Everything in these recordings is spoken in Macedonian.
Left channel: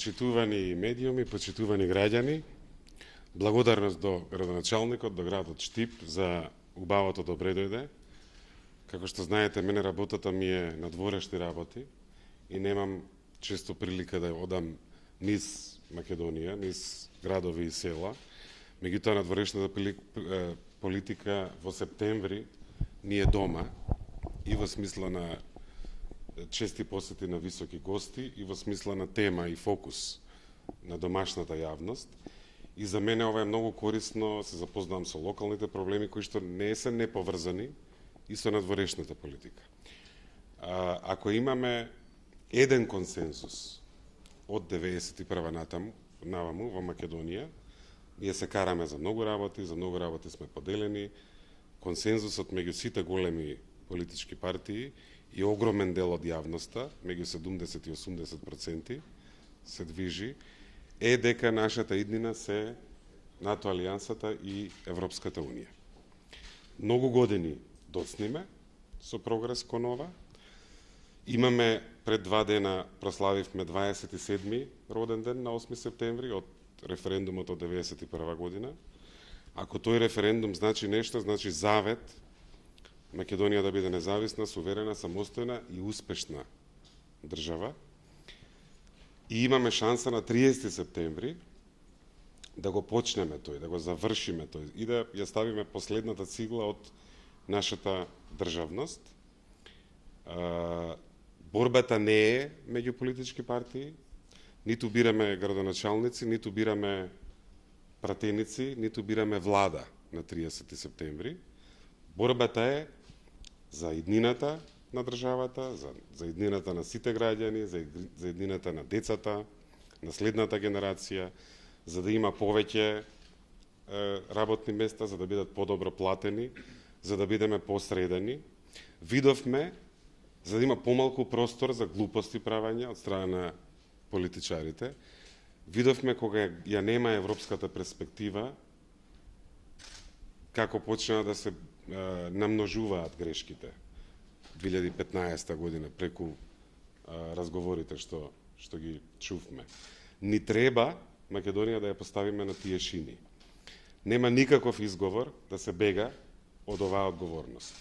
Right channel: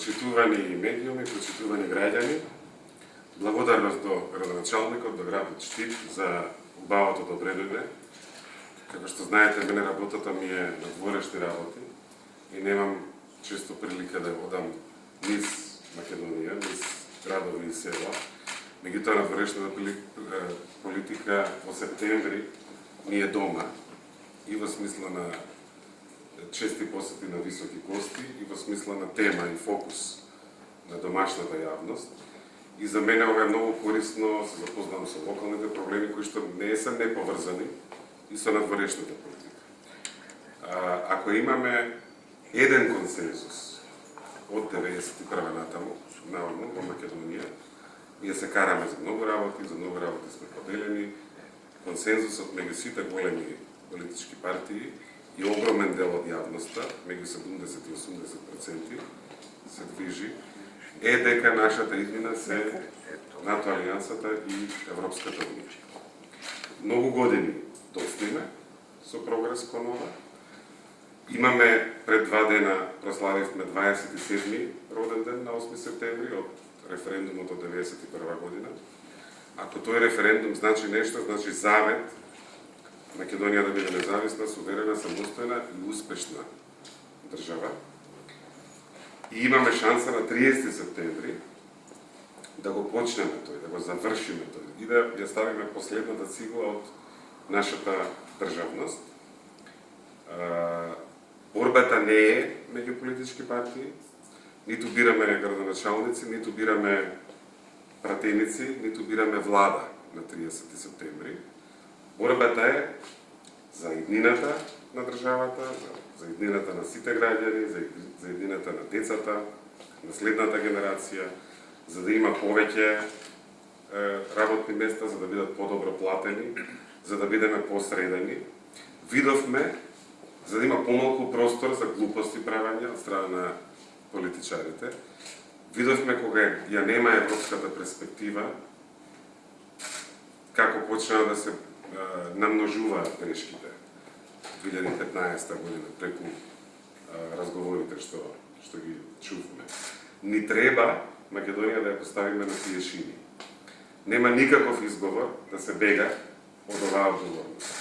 Почитувани медиуми, почитувани граѓани, благодарност до градоначалникот, до градот Штип за убавото добре дојде. Како што знаете, мене работата ми е на дворешни работи и немам често прилика да одам низ Македонија, низ градови и села. Меѓутоа на дворешната политика во септември ни е дома и во смисла на чести посети на високи гости и во смисла на тема и фокус на домашната јавност. И за мене ова е многу корисно, се запознавам со локалните проблеми кои што не се неповрзани и со надворешната политика. Ако имаме еден консензус од 91 натаму, наваму во Македонија, ние се караме за многу работи сме поделени. Консензусот меѓу сите големи политички партии и огромен дел од јавноста, меѓу 70 и 80%, се движи, е дека нашата иднина се НАТО Алијансата и Европската Унија. Многу години доцниме со прогрес кон ова. Имаме пред 2 дена прославивме 27-ми роден ден на 8 септември од референдумот од 91 година. Ако тој референдум значи нешто, значи завет Македонија да биде независна, суверена, самостојна и успешна држава. И имаме шанса на 30 септември да го почнеме тој, да го завршиме тој и да ја ставиме последната цигла од нашата државност. Борбата не е меѓу политички партии, ниту бираме градоначалници, ниту бираме пратеници, ниту бираме влада на 30 септември. Борбата е за иднината на државата, за иднината на сите граѓани, за иднината на децата, на следната генерација, за да има повеќе работни места, за да бидат подобро платени, за да бидеме посредени. Видовме за да има помалку простор за глупости правење од страна на политичарите. Видовме кога ја нема европската перспектива, како почнаа да се намножуваат грешките 2015 година преку разговорите што ги чувме. Ни треба Македонија да ја поставиме на тие шини. Нема никаков изговор да се бега од оваа одговорност.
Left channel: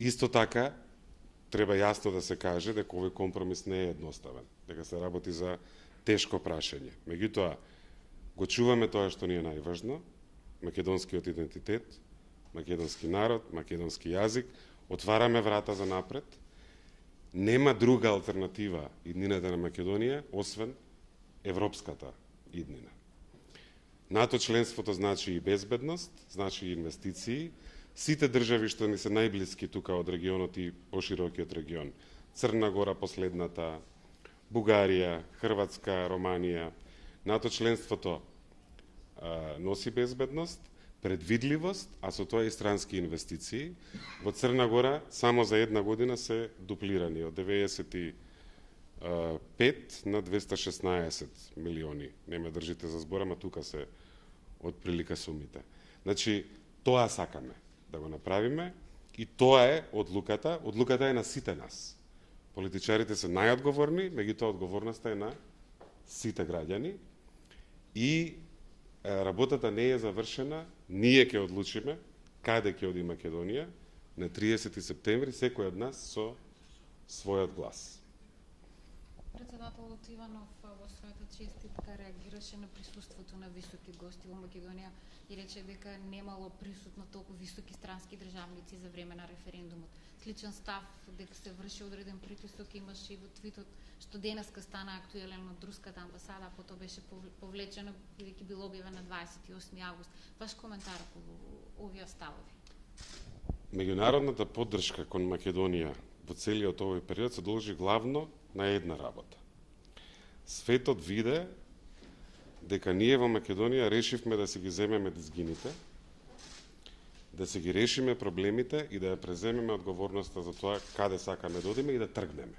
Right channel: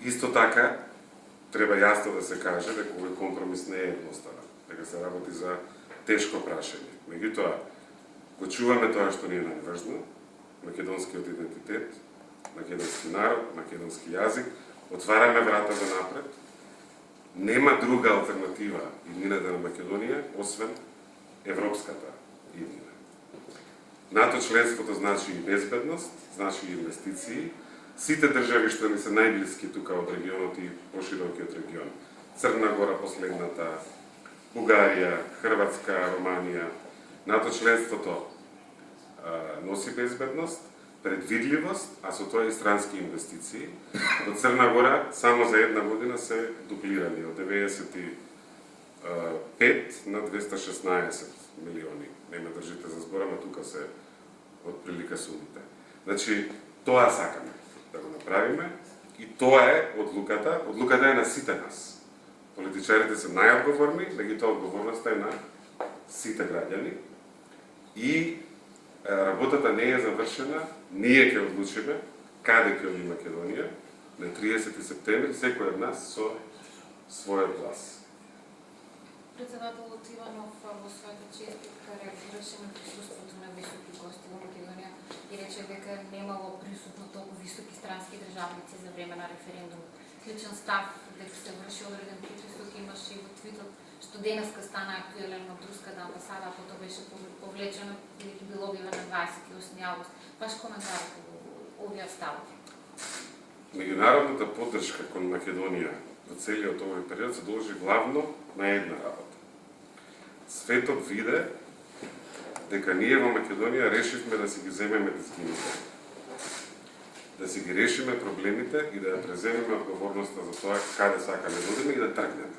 Исто така треба јасно да се каже дека овој компромис не е едноставен, дека се работи за тешко прашање. Меѓутоа го чуваме тоа што ни е најважно, македонскиот идентитет, македонски народ, македонски јазик, отвараме врата за напред. Нема друга алтернатива иднината на Македонија освен европската иднина. НАТО членството значи и безбедност, значи и инвестиции. Сите држави што ни се најблиски тука од регионот и поширокиот регион, Црна Гора последната, Бугарија, Хрватска, Романија, НАТО членството носи безбедност, предвидливост, а со тоа и странски инвестиции. Во Црна Гора само за една година се дуплирани од 95 на 216 милиони. Не ме држите за збор, ама тука се од прилика сумите. Значи, тоа сакаме да го направиме и тоа е одлуката. Одлуката е на сите нас. Политичарите се најодговорни, меѓутоа одговорноста е на сите граѓани и работата не е завршена. Ние ќе одлучиме каде ќе оди Македонија на 30 септември, секој од нас со својот глас. Председателот Иванов во својата честитка реагираше на присуството на високи гости во Македонија и рече дека немало присутно толку високи странски државници за време на референдум. Клучен став дека се врши одреден притисок имаше и во твитот што денеска стана актуелен од руската амбасада, а потоа беше повлечено бидејќи било објавено на 28 август. Ваш коментар по овие ставови? Меѓународната поддршка кон Македонија во целиот овој период се должи главно на една работа. Светот виде дека ние во Македонија решивме да си ги земеме дизгините, да си ги решиме проблемите и да ја преземеме одговорноста за тоа каде сакаме да одиме и да тргнеме.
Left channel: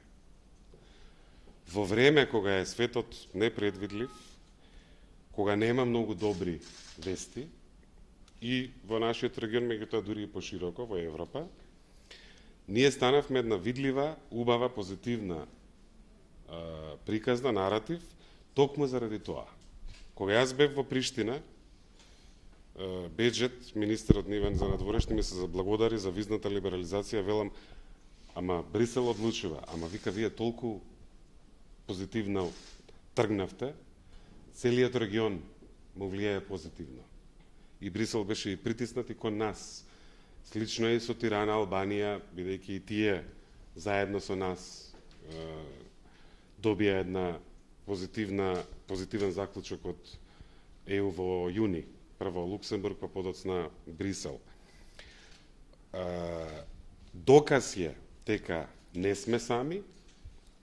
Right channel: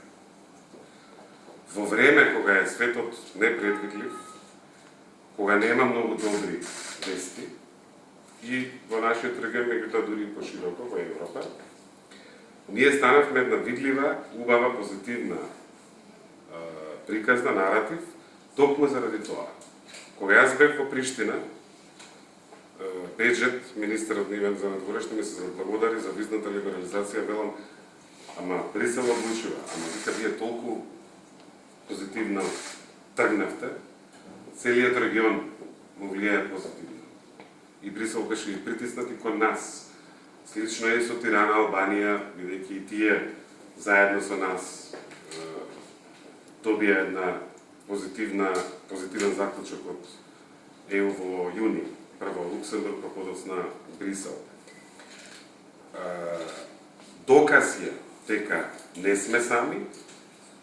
Во време кога е светот непредвидлив, кога нема многу добри вести, и во нашиот регион, меѓутоа дури и пошироко во Европа, ние станавме една видлива, убава, позитивна приказна, наратив, Токму заради тоа. Кога јас бев во Приштина, Беџет, министерот нивен за надворешни, ми се заблагодари за визната либерализација, велам, ама Брисел одлучува, ама вика вие толку позитивно тргнавте, целиот регион му влијае позитивно. И Брисел беше и притиснат и кон нас. Слично е со Тирана, Албанија, бидејќи и тие заедно со нас добија една позитивен заклучок од ЕУ во јуни. Прво Луксембург, па подоцна Брисел. Доказ е дека не сме сами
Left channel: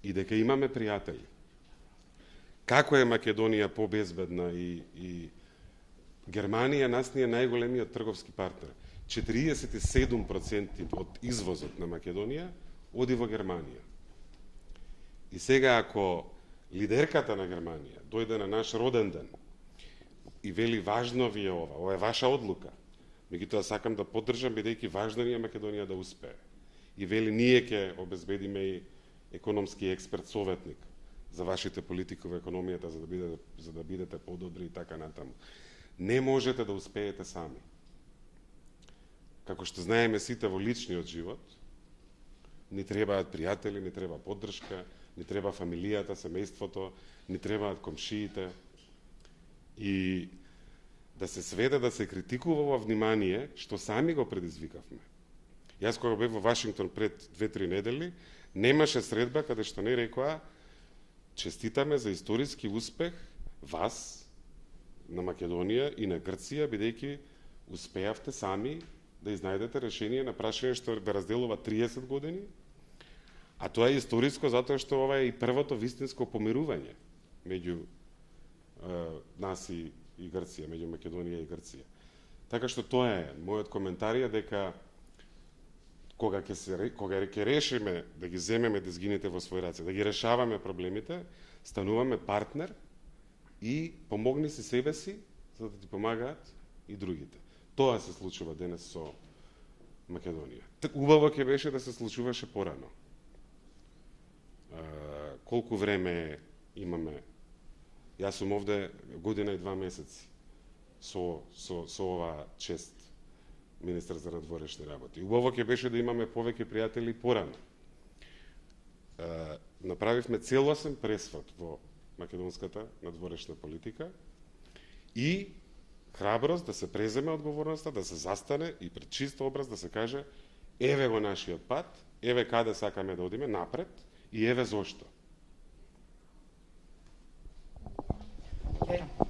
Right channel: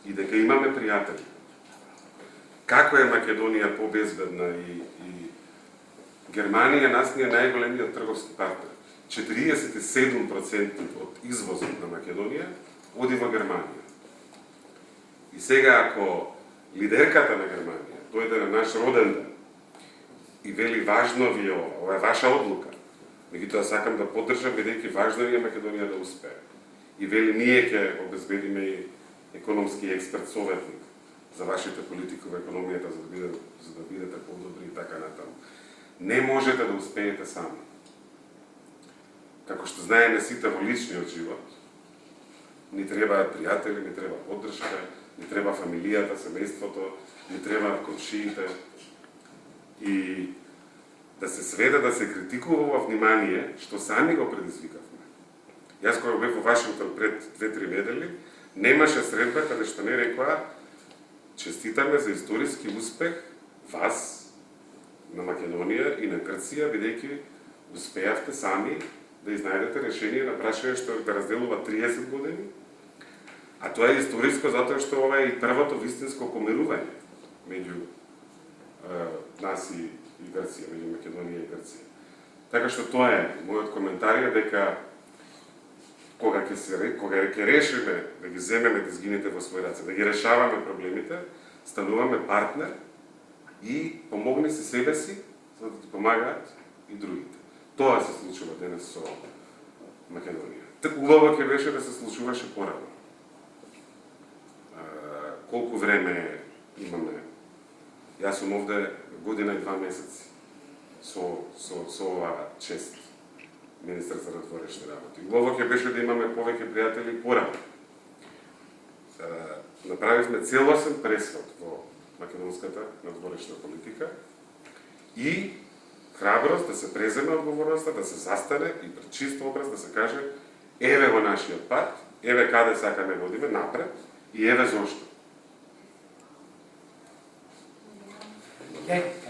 и дека имаме пријатели. Како е Македонија побезбедна и Германија нас ни е најголемиот трговски партнер. 47% од извозот на Македонија оди во Германија. И сега ако лидерката на Германија дојде на наш роден ден и вели важно ви е ова е ваша одлука, меѓутоа сакам да поддржам бидејќи важно е Македонија да успее. И вели ние ќе обезбедиме и економски експерт советник за вашите политики во економијата за да бидете подобри и така натаму. Не можете да успеете сами. Како што знаеме сите во личниот живот, ни требаат пријатели, ни треба поддршка, ни треба фамилијата, семејството, ни требаат комшиите. И да се сведе да се критикува ова внимание, што сами го предизвикавме. Јас кога бев во Вашингтон пред 2-3 недели, немаше средба каде што не рекоа честитаме за историски успех вас на Македонија и на Грција, бидејќи успеавте сами да изнајдете решение на прашање што да разделува 30 години, а тоа е историско затоа што ова е и првото вистинско помирување меѓу нас и Грција, меѓу Македонија и Грција. Така што тоа е мојот коментар е дека кога ќе решиме да ги земеме дизгините во своји раце, да ги решаваме проблемите, стануваме партнер и помогни си себе си, за да ти помагаат и другите. Тоа се случува денес со Македонија. Убаво ќе беше да се случуваше порано. Колку време имаме? Јас сум овде година и 2 месеци со ова чест министер за надворешни работи. Убаво ќе беше да имаме повеќе пријатели порано. Направивме целосен пресвод во македонската надворешна политика и храброст да се преземе одговорноста, да се застане и пред чист образ да се каже еве во нашиот пат, еве каде сакаме да одиме напред и еве зошто. Okay.